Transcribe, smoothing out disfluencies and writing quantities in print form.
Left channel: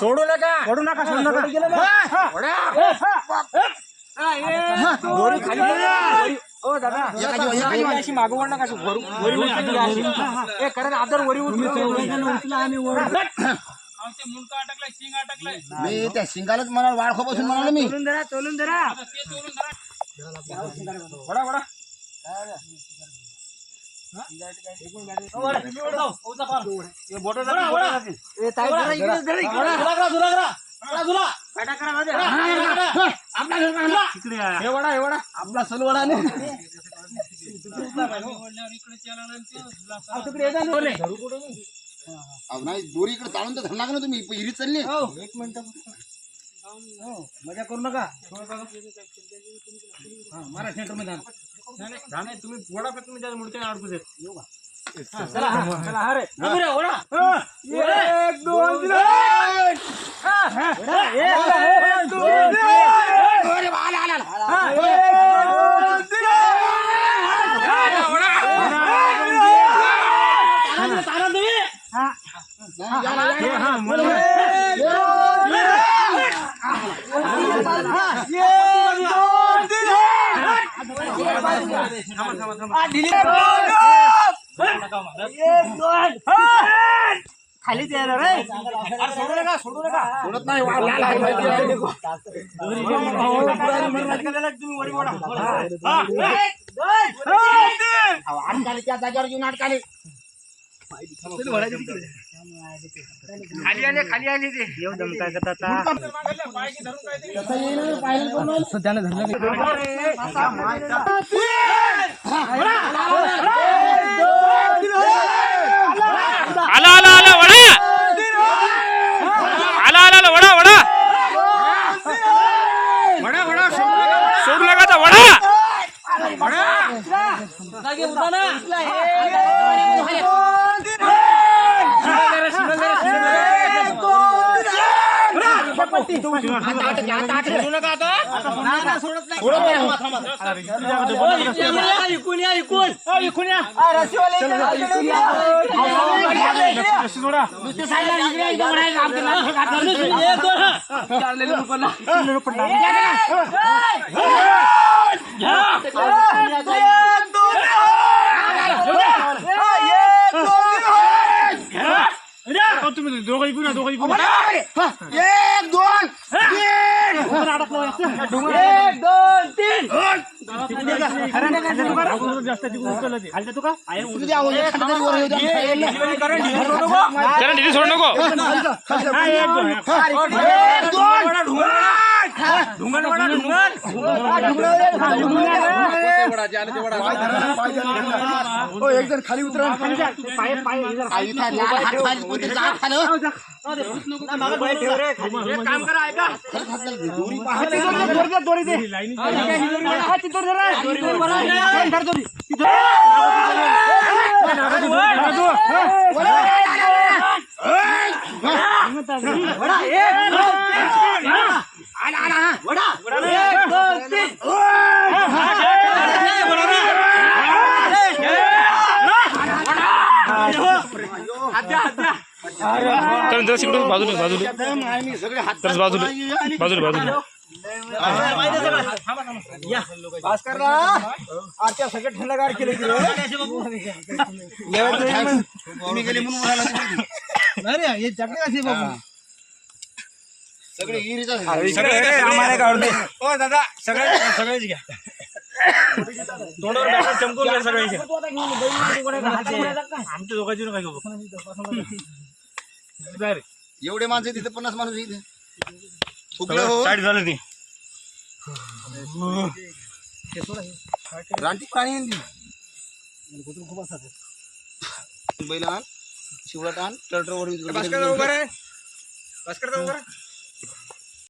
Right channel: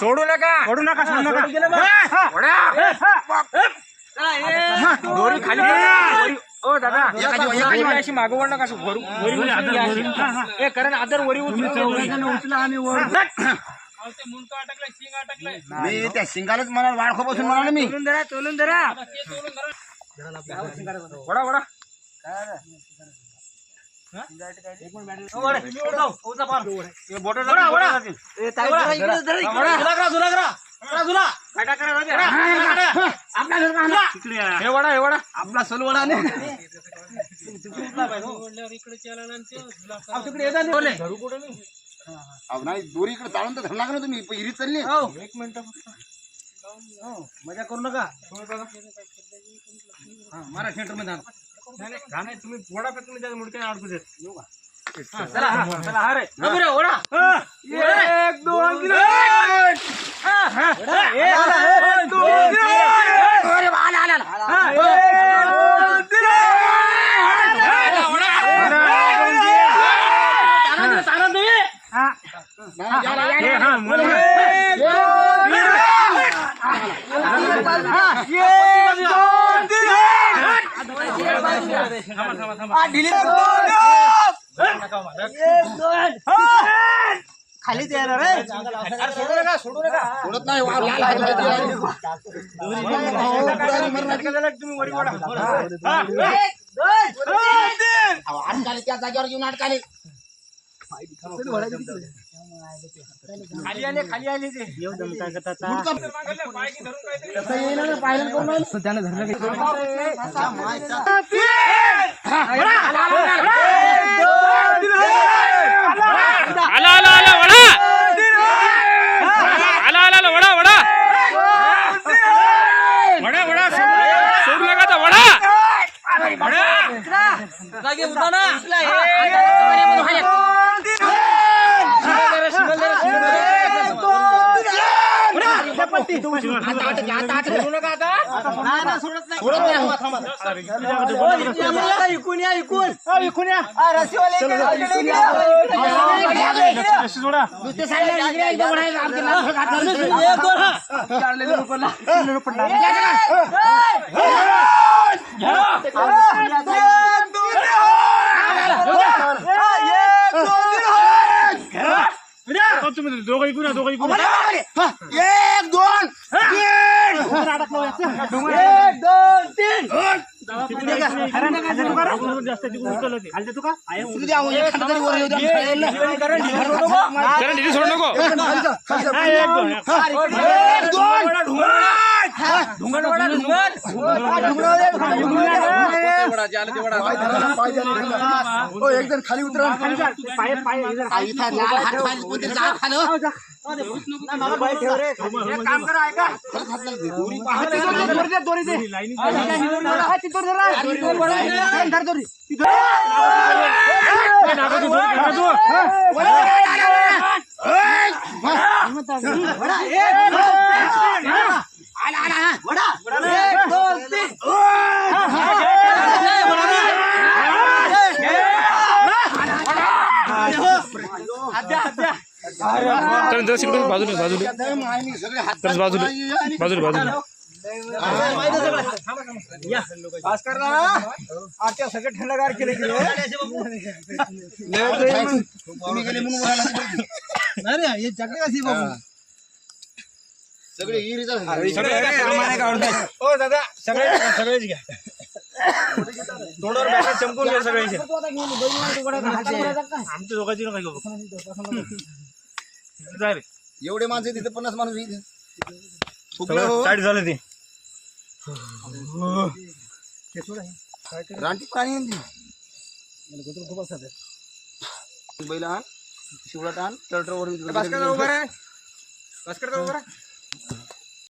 सोडू नका दोरी खाली ओ दादा अशी मागवड नका कारण आदर वरी उचला आम्ही मी त्या शिंगालाच मला वाळखो बसून म्हणाले मी तोलून धरा वडा वडा आपला सलवडा नाही दोरी इकडे चालून तर धरला ना तुम्ही हिरीत चालली एक मिनिट मजा करू नका मारा सेंटर मध्ये नाही तुम्ही वडा पे तुम्ही मुडके अडकू देत येऊ का चला चला अरे ओढा 1 2 3 1 2 3 अरे आला आला तारा दे हां खाली सोडू नका सोडत नाही त्या जागेवर येऊन अडकाले खाली आले ते काय करतात आला आला आला वडा आला आला वडा वडा वडा वडा सोडू नका आता वडा जागे उठा ना तुम्ही दोघं इकडून 1 2 3 सोड नको एक जण खाली उतरा काम करा ऐका सगळं थंडगार केलं सगळे दादा सगळेच घ्या तोंडावर बॅटर चमकून सगळे आमच्या दोघांची काय एवढे माणसं तिथे 50 माणूस साईड झालं ते रानटी प्राणी खूप असतात बैल आण शिवरात आण ट्रॅक्टरवर